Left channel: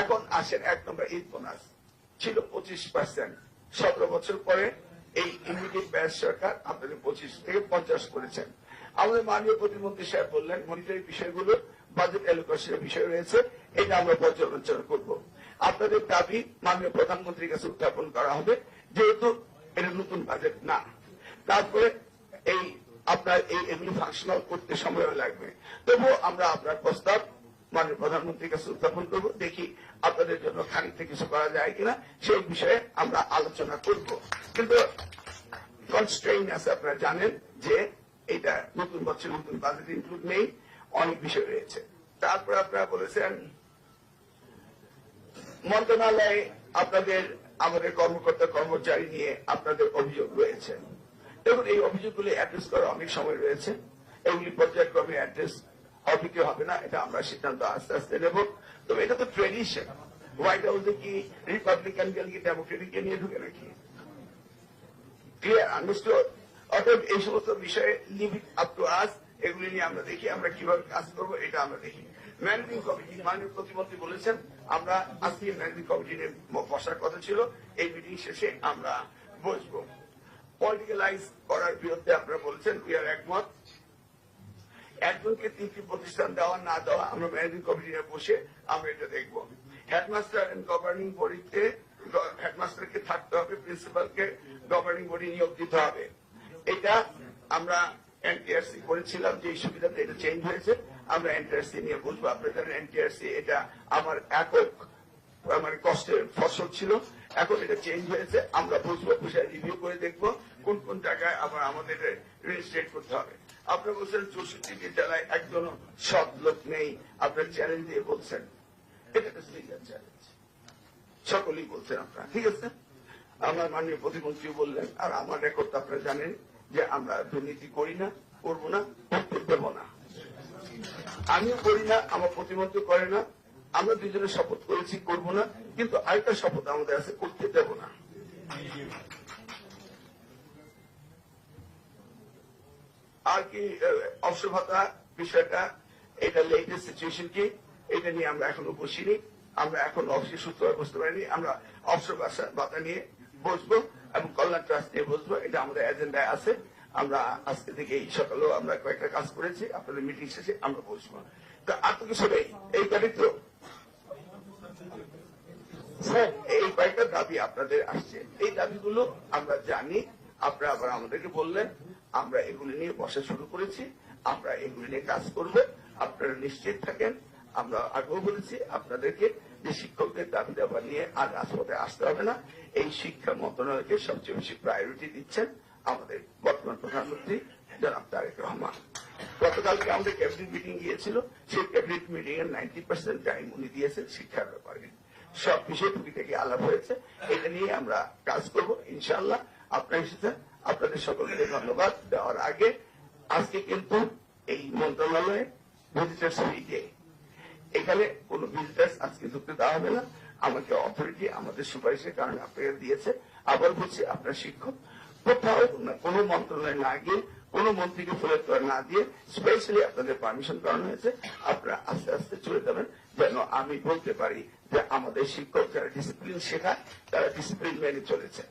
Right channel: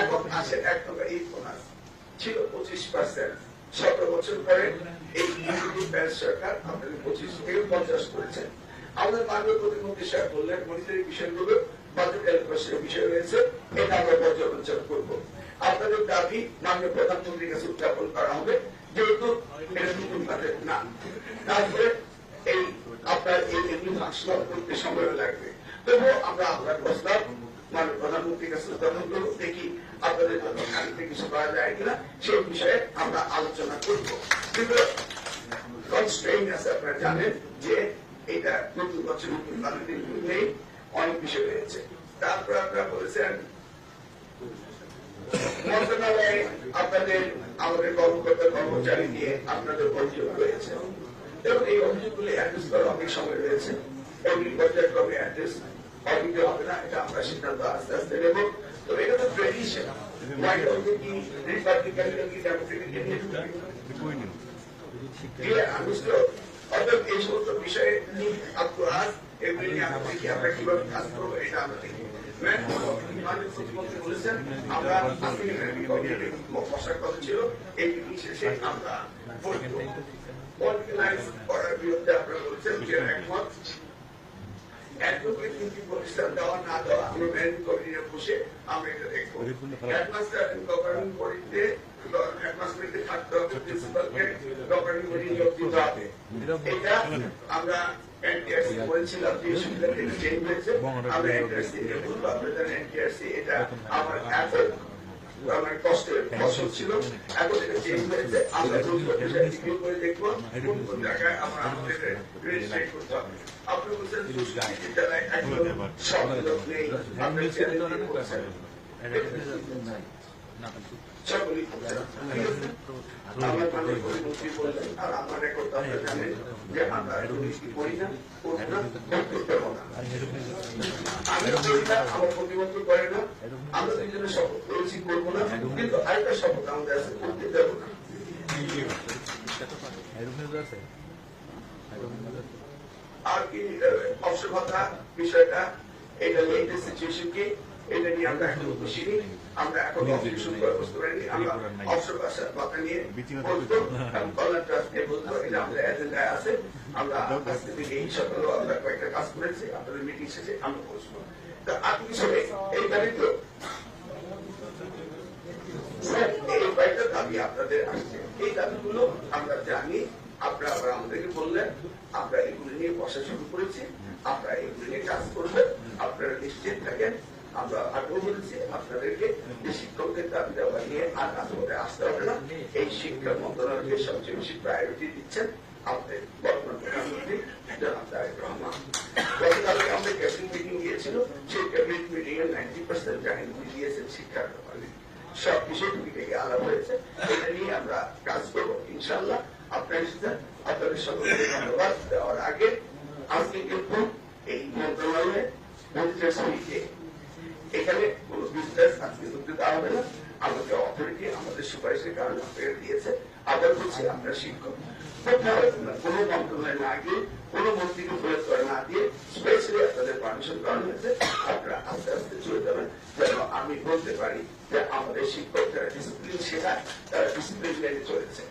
এখন আসেন এক নম্বর এই বোনাস ছিল 25%, 17 বছর পরে এই ইউনিটি প্যাস সরকার আপনাকে 25 থেকে 50 করেছেন। আমাদের মাননীয় প্রতিমন্ত্রী সাহেব বললেন মনিটরি বিষয়গুলো বাজেট অ্যালোকেশনের বিষয় রয়েছে, এটা আমরা পর্যালোচনা করব। আপনাদের দাবি মাননীয় প্রধানমন্ত্রীর কাছে উত্থাপন করা হবে, যেহেতু এটা নতুন বাজেট না। তারপরে এই আপনার এই এমনি ফাংশনাল করতে সময় লাগবে, তবুও আমরা আপনার প্রস্তাব মাননীয় প্রধানমন্ত্রীর কাছে উত্থাপন করবো, দেখি আপনাদের জন্য খানিকটা কিছু করা যায় কিনা সেই বিষয়ে আমরা আলোচনা করব। কিন্তু কনস্ট্রেইন আছে, আপনারা জানেন যে এটা নতুন বছর নতুন বাজেটের নেই, অনেক বিষয় রয়েছে। তারপরে আপনারা বলেছেন মন্ত্রণালয়ে আপনাদের আমাদের কর্মকর্তা কর্মচারী নিয়ে আপনাদের অভিযোগ রয়েছে এবং এই অভিযোগগুলি অ্যাড্রেস করা অনেক সময় রয়েছে। এগুলি পর্যায়ক্রমে অ্যাড্রেস হবে কি হবে না এটা আমরা সিদ্ধান্ত আস্তে আস্তে নেব। তো এটা তো ট্রেডিশন, হোয়াইট হাউসে কি রিপাবলিকান কি ডেমোক্রেটিককে নিয়ে ঢুকবে, ক্লিয়ার আন্ডারস্টুড। অতএব এই সমস্ত বিষয়ে আপ টু আস, এগুলি নিয়ে আমরা দেখি আমরা কিভাবে কাজ করবো, এটা আমরা দেখি। মাননীয় প্রতিমন্ত্রী বলেছেন আমরা বসার কথা ছিল, এই মিটিং শেষে আমরা বলবো। পলিটিক্যালাইজ করার বিরুদ্ধে আপনারা বলেছেন যে একমত। একজনকে 3টি প্রতিষ্ঠান দেওয়া না দেওয়া আমরা ম্যানেজিং কমিটিতে বসে আমরা এটা দেখবো। হেডমাস্টার গভর্নিং বডিতে হেডমাস্টারকে থাকতে হবে, প্রিন্সিপালকে গভর্নিং বডি নিয়োগ দিতে হবে। এটা আমরা এনটিআরসি বলেছিলাম যে সুবিধাটা চেঞ্জ হয়েছে, আমরা এনটিআরসি নিয়ে বলবো আপনাদের এনটিআরসি এটা আমার একক আমার কষ্টের ফসল ছিল, এখন এটা চেঞ্জ হয়েছে। আমরা বুঝবো রিভিউ করে দেখবো কোন কোন জায়গায় আমরা আমাদের রেজিস্ট্রেট করতে হবে। আপনি বলছেন বিদ্যালয় একজন সব লোক নেই, আপনি চ্যালেঞ্জ করছেন, সকলেই করছেন, ঠিক আছে। আমার মাননীয় প্রতিমন্ত্রী বললেন আর আমার রেকর্ড আপনারা জানেন যে আমরা দুর্নীতি করি না, করবো না, দেবো না। আমি করি না, আমার প্রতিমন্ত্রী করে না, আমরা দুজনে শপথ করেছি করবো না, কিন্তু আরেকটা শপথ আমাদের আছে করতে দেবো না। আর কি অবসর ভাতা বিষয়টা, এটা লেটেস্ট সিচুয়েশন কি, এটা নিয়ে আমরা এখনো বসিনি, আমরা এখন অফিস শুরু করে বসতে পারিনি। আমরা অবসর ভাতা নিয়ে বসবো এবং কল্যাণ ট্রাস্ট নিয়ে বসবো, এটা আমাদের এজেন্ডায় আছে। আমরা আজকে থেকে এই সকালেও আমরা কয়েকটা কাজ করেছি, আপনাদের মিটিং শেষে আমরা বসবো। আপনি সবাই এই দাবিত এই কয়েকটা দাবি আপনাদের আসছে, এই দাবিগুলো আমরা জানি, আপনারা আবার আমাদেরকে বললেন, আমরা এগুলি নিয়ে বসা শুরু করেছি, আমরা এগুলি নিয়ে কাজ করবো, আপনারা নিশ্চিত থাকেন। আমরা আগেও বলেছি আপনাদেরকে এই শিক্ষকদের দাবি দাবা নিয়ে আর কাজ করে আসতে হবে না। এই শিক্ষা মন্ত্রণালয়কে সবচেয়ে বেশি প্রায়োরিটি দিচ্ছেন আমাদের বর্তমান প্রধানমন্ত্রী জনাব তারেক রহমান। গতকালকে আমাদের ক্যাবিনেট মিটিং গিয়েছিল, সেই ক্যাবিনেট মিটিং এর 90% জাহিনী দিয়েছেন শিক্ষার ব্যাপারে, সব বিষয় টুকি থেকে আলাপ হয়েছে। এটা নিয়ে আমরা কাজ করবো ইনশাআল্লাহ। আপনার সাথে আপনাদের সকলকে ধন্যবাদ দেওয়ার আগে আজকে কিন্তু এই মন্ত্রণালয়ে এখানে কোন বিজনেস আজকে ঢুকতে দেওয়া হবে না। আমাকে অথরিটি আমাদের সুপারিশের কারণে আপনাকে দিয়েছে। আবার বলছি আপনারা শিক্ষক কোন মন্ত্রণালয় না গিয়ে কোন মন্ত্রীকে প্রয়োগ করে না দিয়ে স্পেশালি আপনাদের পারমিশন করানো হয়েছে। আপনারা আস্তে আস্তে চলে যাবেন, যেন আমি বলতে পারি যে আমাদের শিক্ষক যারা ডিসিপ্লিন শেখায় তারা ডিসিপ্লিন মেনে চলেছে।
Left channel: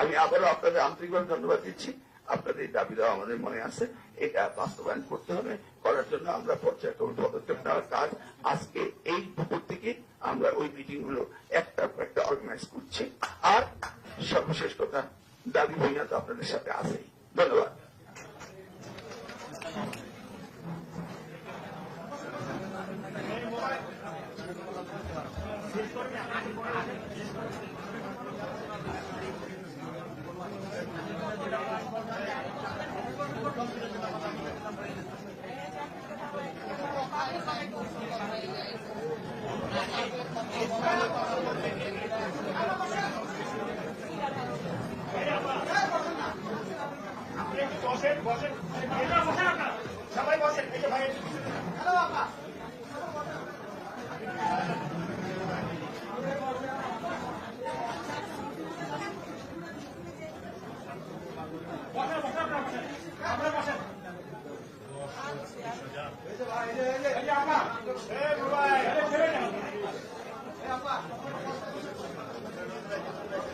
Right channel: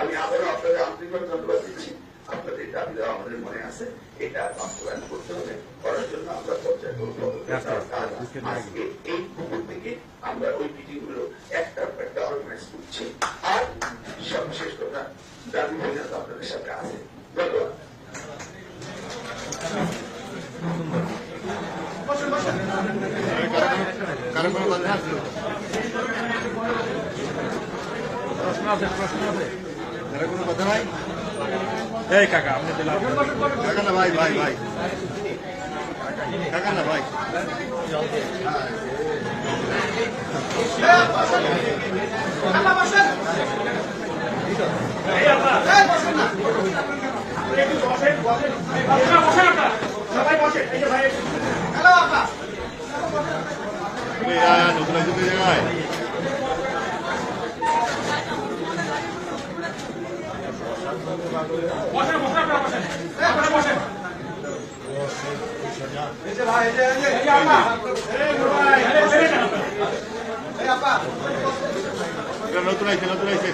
আমি আবারও আপনাদের আন্তরিকভাবে ধন্যবাদ দিচ্ছি। আপনাদের দাবি দেওয়া আমাদের মনে আছে, এটা বাস্তবায়ন করতে হবে। করার জন্য আমরা পর্যায়ক্রমে পদক্ষেপ নেওয়ার কাজ আজকে এই দুপুর থেকে আমরা ওই মিটিং গুলো একটা অর্গানাইজ করছি। আর সর্বশেষ কথা, দাবি বইনাত আপনাদের সাথে আছে। ধন্যবাদ। কোনো কথা নাই? এই কাকা আপনি কাকা না ভাই ভাই ভাই কাকা না ভাই সবাই বসে এই যে ভাই হ্যালো আপা নতুন জায়গায় বসেন বসেন আপনারা বসেন আপনারা বসেন এই যে ভাই এই যে আপা এই ভাই এই আপা নতুন আইছে নতুন আইছে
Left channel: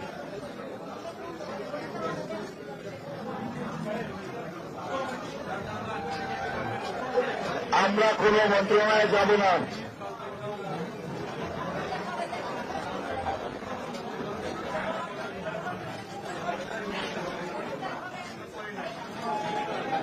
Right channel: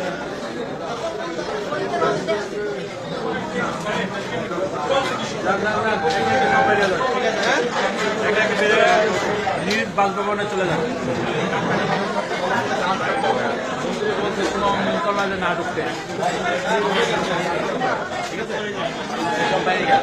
নিজ বাসভবনে চলে যান না ঢুকতে ঠিক আছে সব বাইরে গেল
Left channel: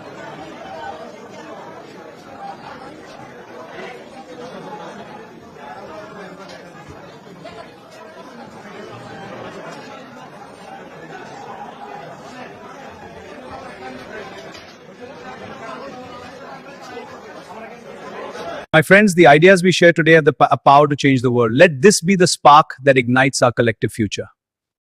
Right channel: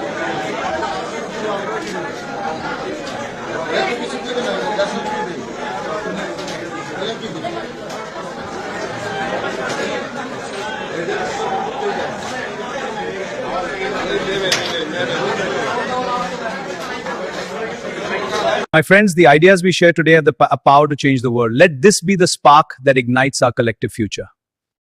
My friends, the ideas we share today have the power to change the world. Let this be the spark that ignites our collective future.